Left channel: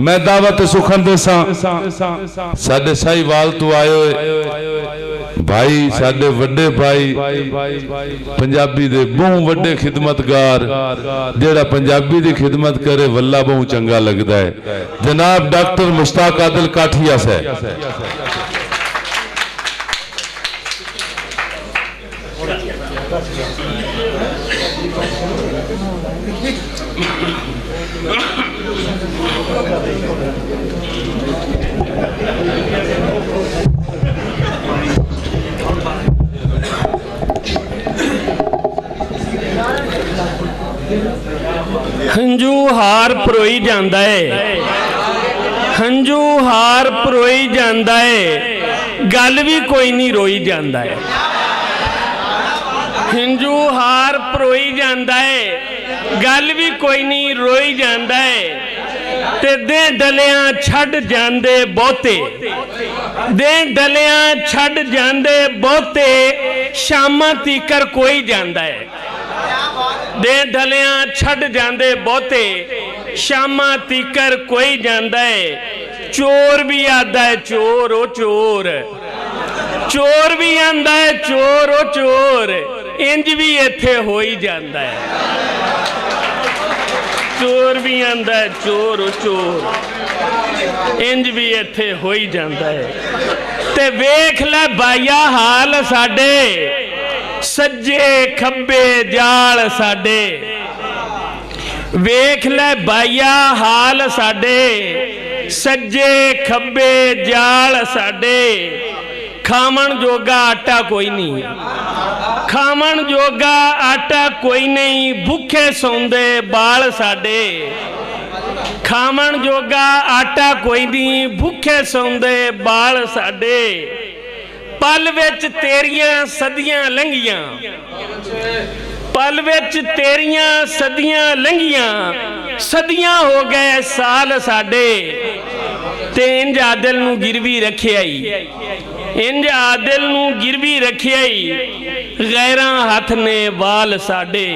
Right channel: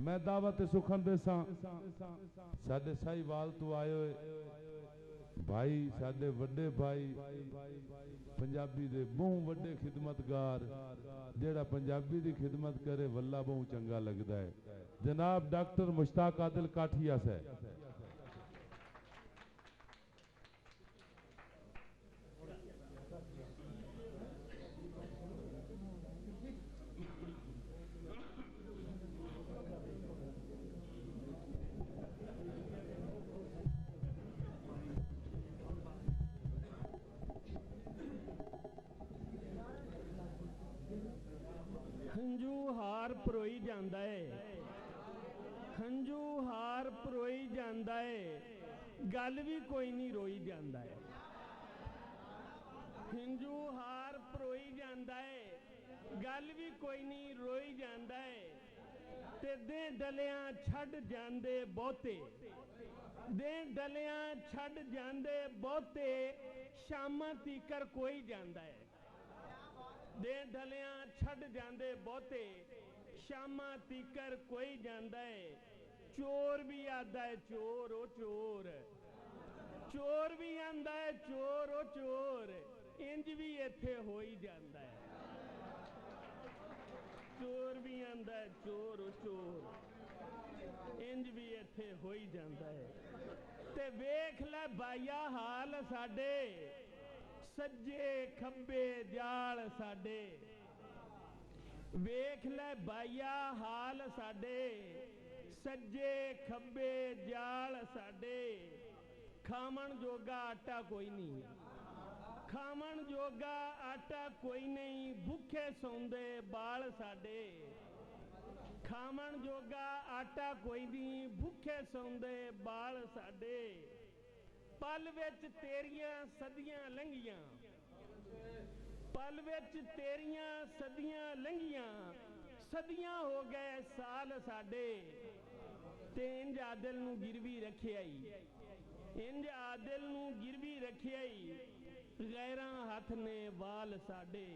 मैं दावत सुखन दसा साडे साहिवाल तो आए हुए भाई साडे वड्डे भाई पंजाबी दे बहु वड्डे खिदमतगार जेड़ा पंजाबी दी खिदमत करे वल्ला बहु चंगा लगदा है। जनाब डॉक्टर मुश्ताक आदिल काठिया साहब। हंजू हार परोई जांदा है, हंजू हार परोई जांदा है, गल भी कोई नहीं रोई जांदा है। हंजू हार परोई जांदा है, गल भी कोई नहीं रोई जांदा है। ते दे डलियां छड़ जांदे बहुते, दे डलियां छड़ जांदे बहुते, शामां तीकर कोई जांदा है। दे डलियां छड़ जांदे बहुते, शामां तीकर कोई जांदा है। चोर भी आंदा है चोर ओ चोर, चोर भी आंदा है चोर ओ चोर, इंज भी इत्थे हो ही जांदा है। चोर भी आंदा है चोर ओ चोर, इंज भी इत्थे हो ही जांदा है। ते वेख लै बाया हाल साडे, सज्जे खब्बे जाल साडे। वेख लै बाया हाल साडे, सज्जे खब्बे जाल साडे। खावन जोगा आटा कोई नहीं, खावन जोगा आटा कोई नहीं, भुखे सौंदे बाल साडे। खावन जोगा आटा कोई नहीं, भुखे सौंदे बाल साडे। पल विच तेरियां सदियां लंघियां, पल विच तेरियां सदियां लंघियां, सदियां हो गए साल साडे। ते इंज आदिल नूं गिरवी रखिया ही, इंज आदिल नूं गिरवी रखिया ही, गैरां हथ ने वाल साडे।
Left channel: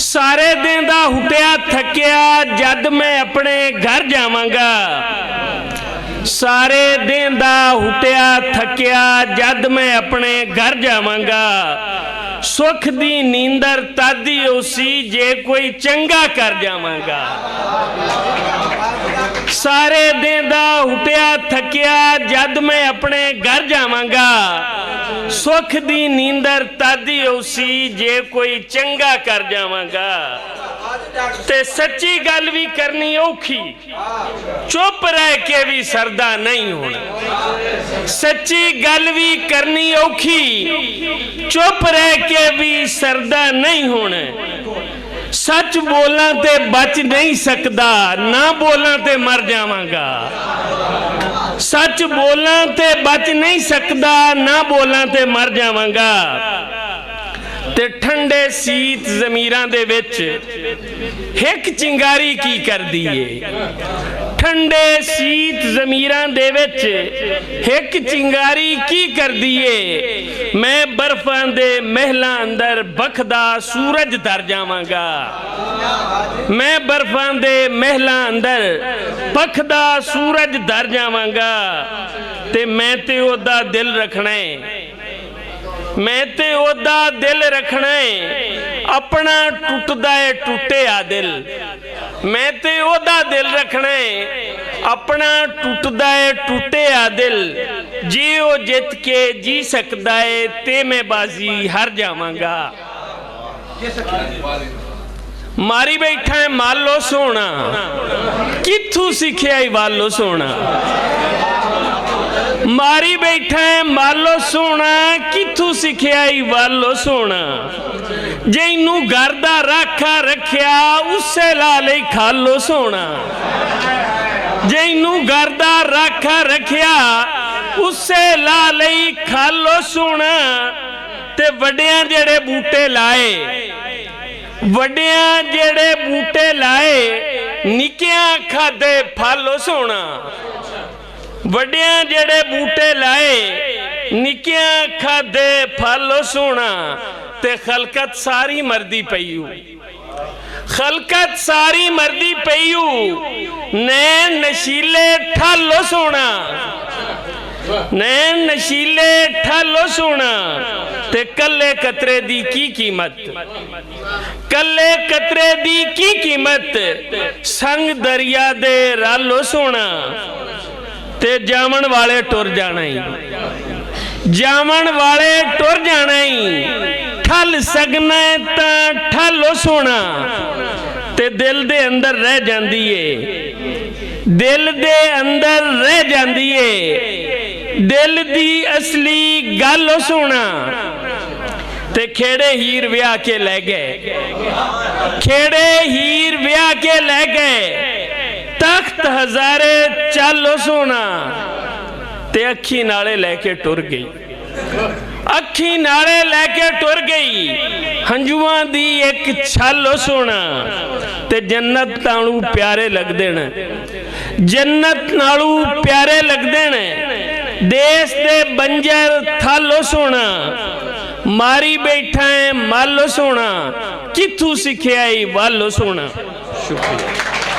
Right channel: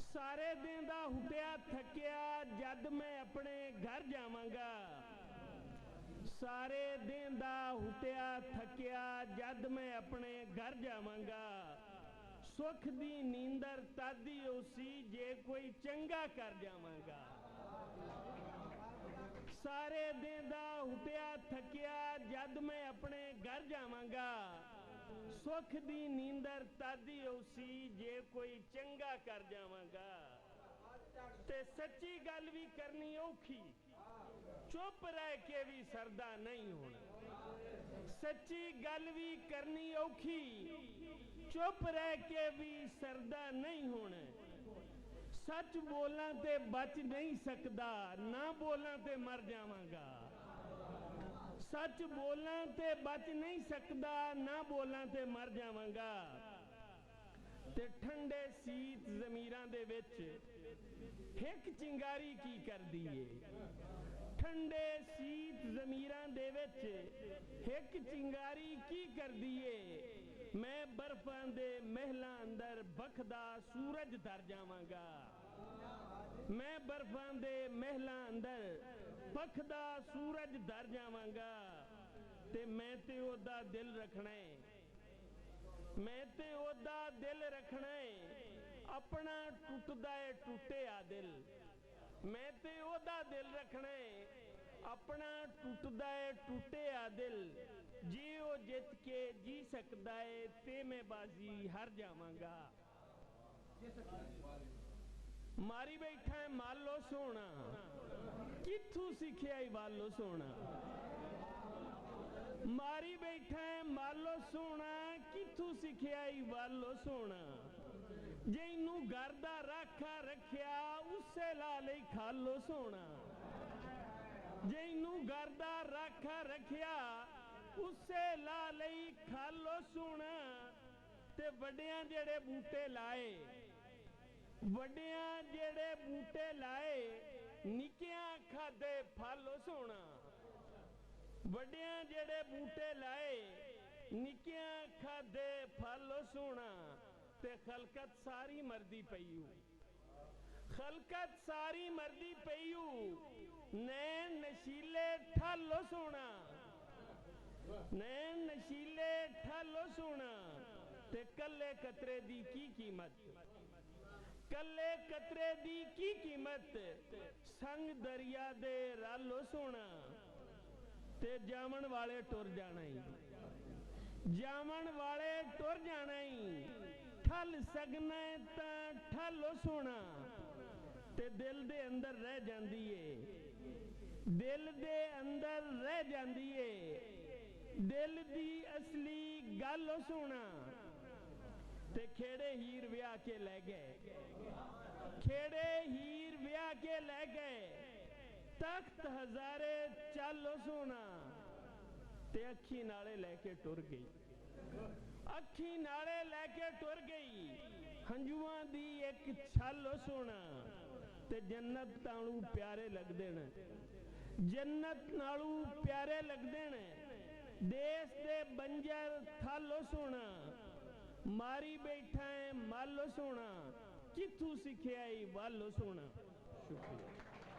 सारे दिन दा हुटिया थकिया जद मैं अपने घर जावांगा, सारे दिन दा हुटिया थकिया जद मैं अपने घर जावांगा। सुख दी नींदर तादी उसी जे कोई चंगा कर जावांगा। सारे दिन दा हुटिया थकिया जद मैं अपने घर जावांगा, सुख दी नींदर तादी उसी जे कोई चंगा कर जावांगा। ते सच्ची गल भी करनी औखी, चुप रह के भी सरदा नहीं होना। सच्ची गल भी करनी औखी, चुप रह के भी सरदा नहीं होना। सच बोलना ते बच नहीं सकदा, ना बोलना ते मर जावांगा। सच बोलना ते बच नहीं सकदा, ना बोलना ते मर जावांगा। ते ठंडे सीत जमीरां दे विच हिक चिंगारी की करदी है। ठंडे सीत जमीरां दे विच हिक चिंगारी की करदी है। मैं बर्फां दे महलां अंदर बखदा सूरज तर जावांगा। मैं बर्फां दे महलां अंदर बखदा सूरज दर जावांगा। ते मैं ते ओदा दिल रखना है, मैं ते ओदा दिल रखना है, अपना टुटदा है टुटे आ दिल। मैं ते ओदा दिल रखना है, अपना टुटदा है टुटे आ दिल। जे ओ जित के जी सकदा है ते मैं बाजी हार जावांगा। मारी बैठा है मालो सोना, कित्थों सीखिया ही वालो सोना। मारी बैठा है मालो सोना, कित्थों सीखिया ही वालो सोना। जैनू घर दा राखा रखिया उससे ला ले खालो सोना। जैनू घर दा राखा रखिया उससे ला ले खालो सोना। ते वड्डियां जेड़े बूटे लाए, वड्डियां जेड़े बूटे लाए, निक्कियां खादे फल सोना। वड्डियां जेड़े बूटे लाए, निक्कियां खादे फल सोना। ते खलकत सारी मरदी पईयू, खलकत सारी मरदी पईयू, नैन नशीले ठालो सोना, नैन नशीले ठालो सोना, ते कल्ले कतरे दी की कीमत, कल्ले कतरे दी की कीमत, संग दरिया दे रालो सोना, ते जामन वाले टुर जाना ही, जामन वाले टुर जाना ही, ठल सकना ता ठलो सोना, ते दिल दे अंदर रह जांदी है, दिल दे अंदर रह जांदी है, दिल दी असली गल सोना, ते खेड़े हीर ब्याह के ले गए, खेड़े हीर ब्याह के ले गए, तख्त हजारे चालो सोना, ते अखी नाले लेके टुर गई, अखी नाले लेके टुर गई, हंजुआं दी एक छालो सोना, ते जन्नत नालू प्यारे लगदे ने, जन्नत नालू प्यारे लगदे ने, देश दे बंजर थालो सोना, मारी बैठा है मालो सोना, किथू सिखिया वालो सोना। शुक्रिया।